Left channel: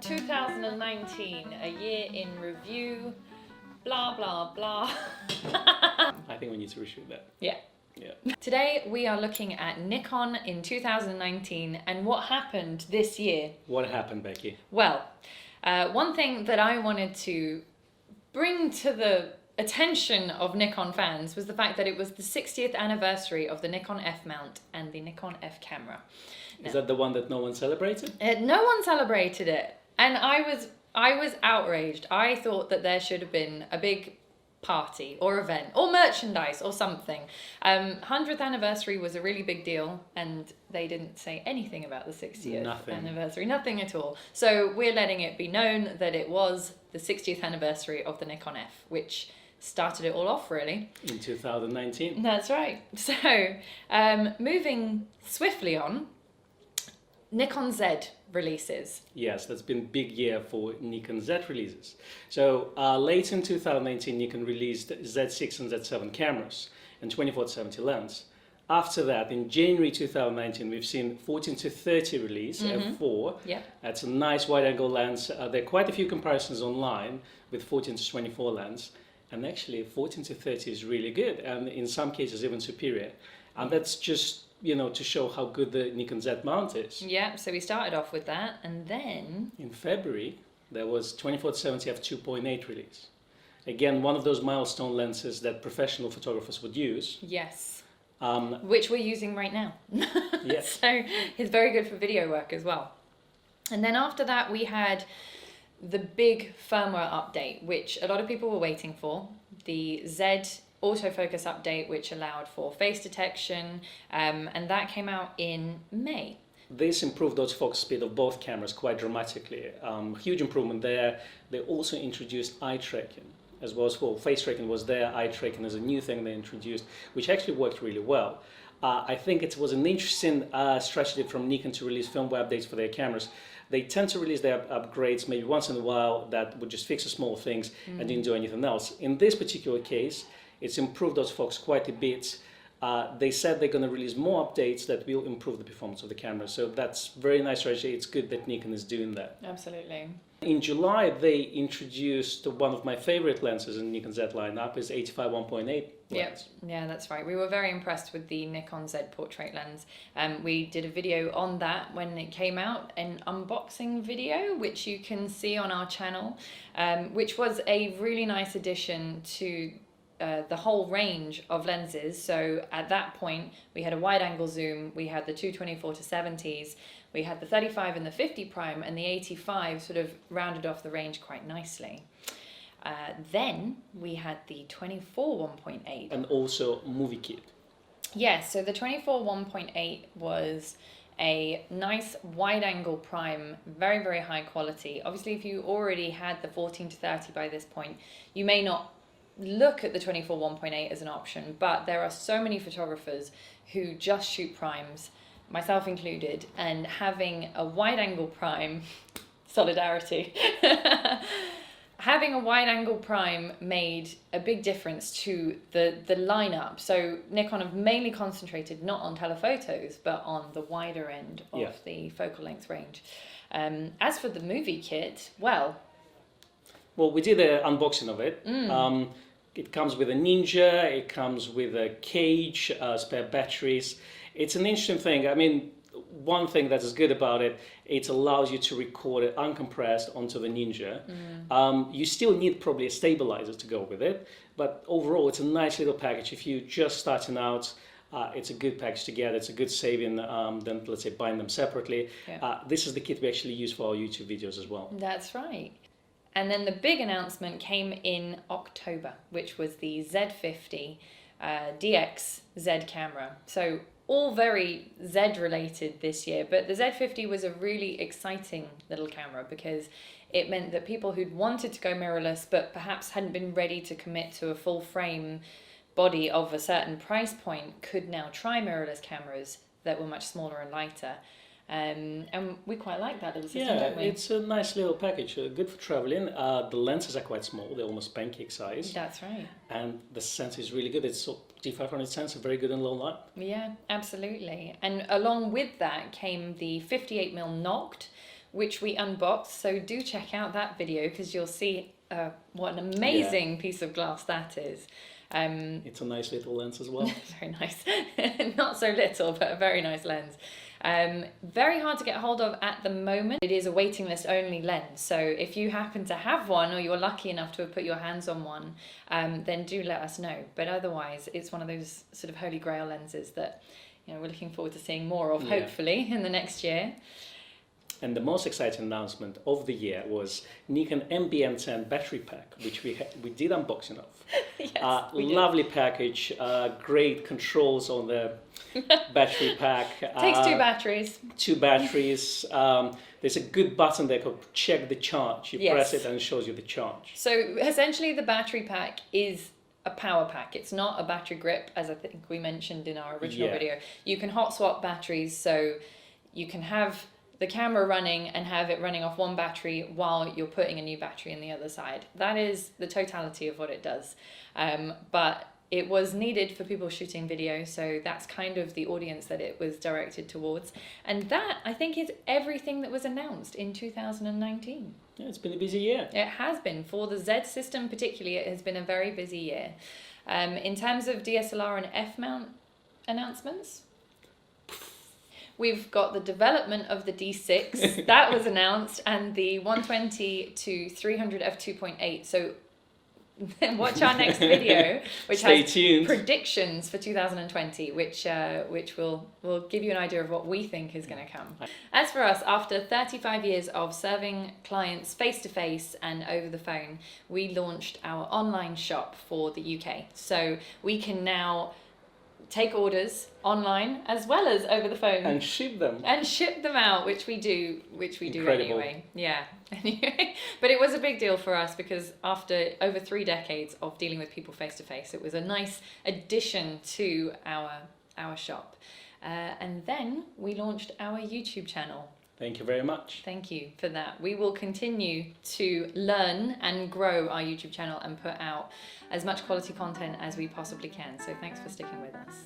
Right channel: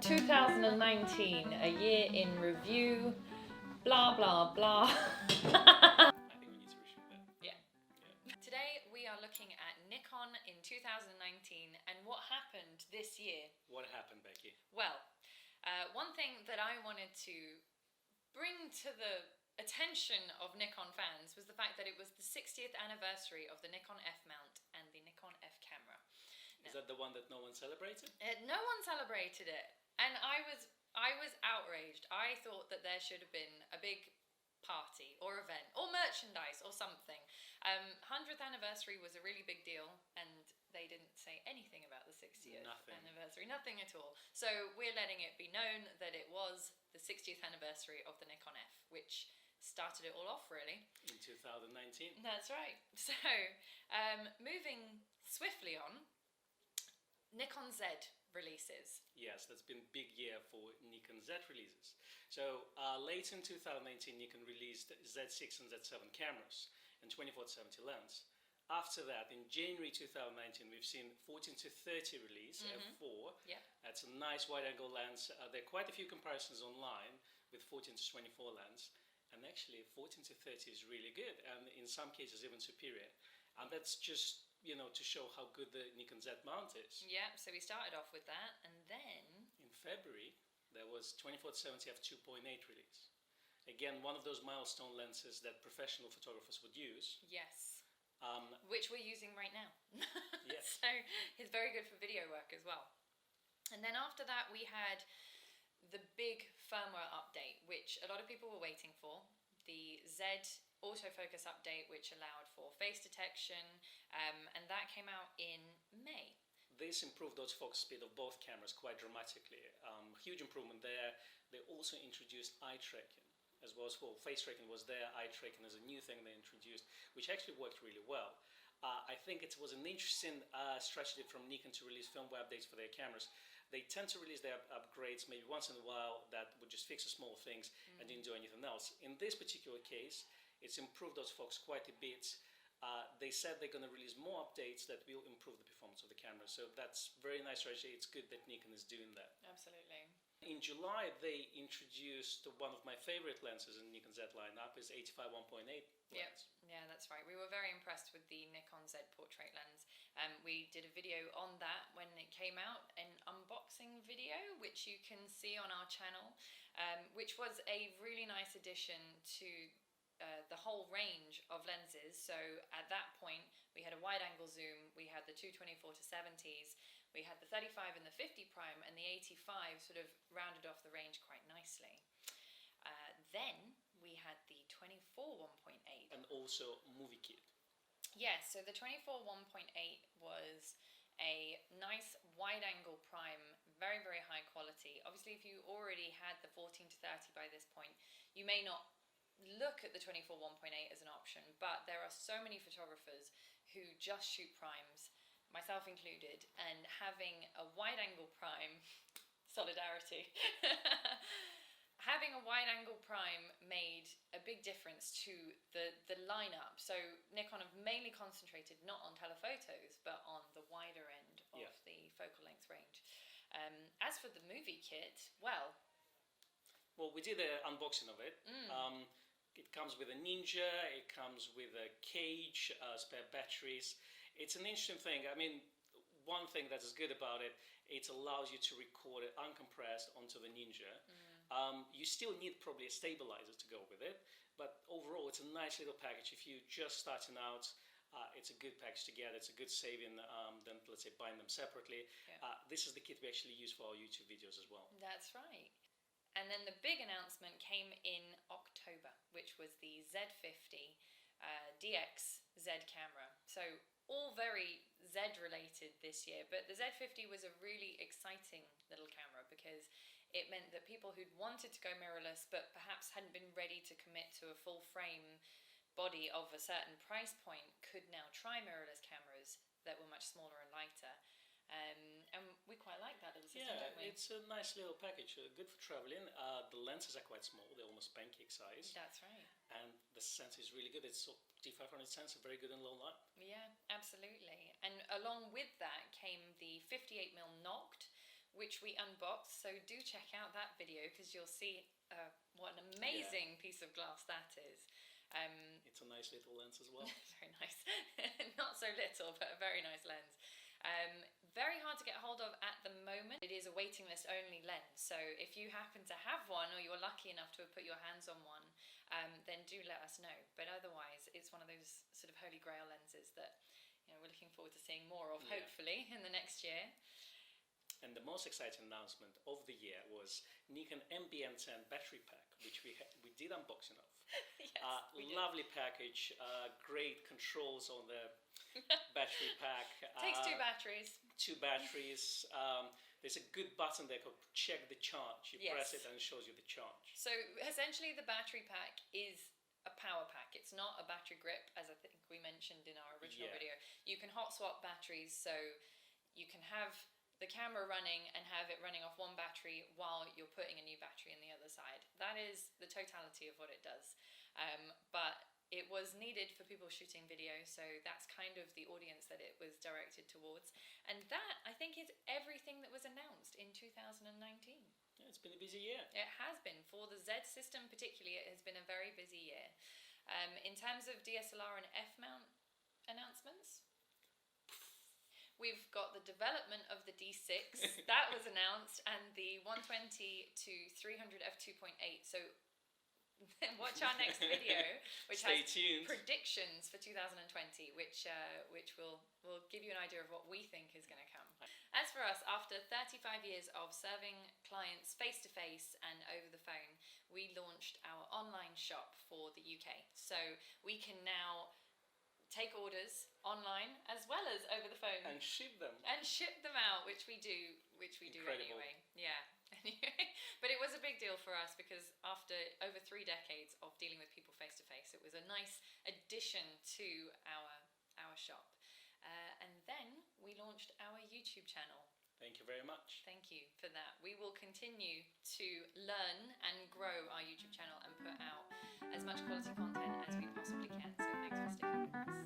2019, a year in review, blah, blah, blah. I think we need to reshoot that. Yeah. Yeah. Today we are looking at Nikon in 2019 and what happened this year. What happened, Becky? Well, one thing that I wanted to bring to the attention of Nikon fans was the fact that it was the 60th anniversary of the Nikon F mount and the Nikon F camera. Is that the one that no one celebrated? No one celebrated it, and I was outraged. I thought that there should have been a big party or event or merchandise or something. 100th anniversary was a really big deal, and they didn't say anything about the 60th anniversary, nothing at all. So we're letting it be known that it was the 60th anniversary of the Nikon F, which started it all off, really. In 2019. That's right. So moving swiftly on, Nikon Zedd releases. Yes, that's been a big year for Nikon Zedd releases. So late in 2019, Nikon released Z6 and Z7 cameras and 24-70 lens. After that, in January 2019, we've seen 14-30 release, F4. Yeah. That's a nice wide-angle lens. There are quite a few comparisons online with 14-24 lens. And actually, 14-30 is really good, and in some cases even superior. And that's just, to show how good the Nikon Z mount is. Yeah, so we started off with that, and then in February, there was 24-70 f2.8 release. Again, one of those milestone lenses that professional photographers would use. Yes. Which we're using right now. Yes. So it's very good for video work as well. And then after that, we had the big firmware update, which a lot of people were waiting for. The Zedd Autofocus update, which allowed for face detection, and that came out in May. This improved autofocus speed of both cameras quite dramatically. Huge improvement there. They also introduced eye tracking as well. Face tracking was there. Eye tracking is a new thing they introduced, which actually worked really well. I think it was an interesting strategy from Nikon to release firmware updates for their cameras. They tend to release their upgrades maybe once in a while that would just fix the small things and didn't do anything else. In this particular case, it's improved autofocus quite a bit. They said they're going to release more updates that will improve the performance of the camera. So that's very nice strategy. It's good that Nikon is doing that. Absolutely. In July, they introduced one of my favorite lenses in Nikon Z lineup, is 85 1.8 lens. Yeah, that's right. We were very impressed with the Nikon Zedd portrait lens. We did a video on that when it came out, an unboxing video, which you can see on our channel, which was a really nice addition to the whole range of lenses. So at that point, we had a wide angle zoom, we had the 224-70s, we had the 35 and the 50 prime, and the 85 sort of rounded off the range quite nicely. Then we had the 24 1.8. And also movie kit. Yes, so the 24 1.8 was a nice wide angle prime, very, very high quality. Obviously, if you already had the 14-30 by this point, you may not look at the 24 1.8 as an option, but there are so many photographers who just shoot primes, myself included, and having a wide angle prime, solidarity, having a wide angle prime made a big difference to the lineup. So Nikon have mainly concentrated not on telephotos, but on the wider end of the focal length range. As for the movie kit, well, we did an unboxing of it. It comes with a Ninja, it comes with a cage, spare batteries. It's an interesting thing. I mean, one thing that is good about it, it allows you to record it uncompressed onto the Ninja. You still need probably a stabilizer to go with it, but overall it's a nice little package. If you're just starting out, it's a good package to get. It's a good saving than, let's say, buying them separately. Yeah. This is the kit we actually use for our YouTube videos as well. That's right. And then the big announcement came in October, which was the Z50 DX Zedd camera. So all very Zedd related this year, but the Z50 was a really exciting little camera because it meant that people who'd wanted to go mirrorless but perhaps hadn't been ready to commit to a full frame body of a certain price point could now try mirrorless cameras that were much smaller and lighter. And we quite like that little system, don't we? It's a nice little package, good for traveling. The lenses are quite small, they're almost pancake size. That's right. And the sensor is really good. It's D500 sensor, very good in low light. Yeah, absolutely. And along with that came the 58mm Noct, which we unboxed. So do check out that video because you'll see what an amazing piece of glass that is. It's a nice little lens as well. Very nice. Not so little, but a very nice lens. Very hard to get hold of at the moment. It is a waiting list only lens. So if you happen to have one, or you're lucky enough to have put your hands on one, then do let us know. But otherwise, it's one of those sort of holy grail lenses that, you know, we're looking forward to seeing more of, hopefully, in the next year. And the most exciting announcement of the year was Nikon Ambience and battery pack, which we did unboxing of. Yes, lovely package, great controls on the battery pack. Takes two batteries. Two batteries. There's a good button there called check the charge. You press it and it shows you the charge. So essentially the battery pack is a power pack. It's not a battery grip, as I think we mentioned in our original video. You can hot swap batteries, so you can have the camera running and have it running off one battery while you're putting a new battery in the other side. That is the totality of what it does. But it was needed for people shooting video, so that's kind of the audience that it was directed towards. And that, I think, is everything that was announced in 2019. Yeah, it's been a busy year. It has been. For the Zedd system particularly, it has been a very busy year. In terms of DSLR and F-mount announcements, we've got the development of the D6, that was announced, and the 120 to 300 f2.8. So watch our next video, which has tuned. Predictions for 2020, which will give you an idea of what we think is going to come. As for us, after 35 years of serving clients face-to-face and over the phone, we launched our online shop for the UK. So we can now take orders online as well as over the phone and ship them out, which we do Incredible. anyway. Anyway, but it was a big deal for us because after over 3 decades of dealing with people face to face, it was a nice addition to our shop. And then we launched our YouTube channel. Thank you very much. Thank you for that. We will continue to learn and grow our YouTube channel and put out as much quality content as we possibly can. So thanks for sticking with us.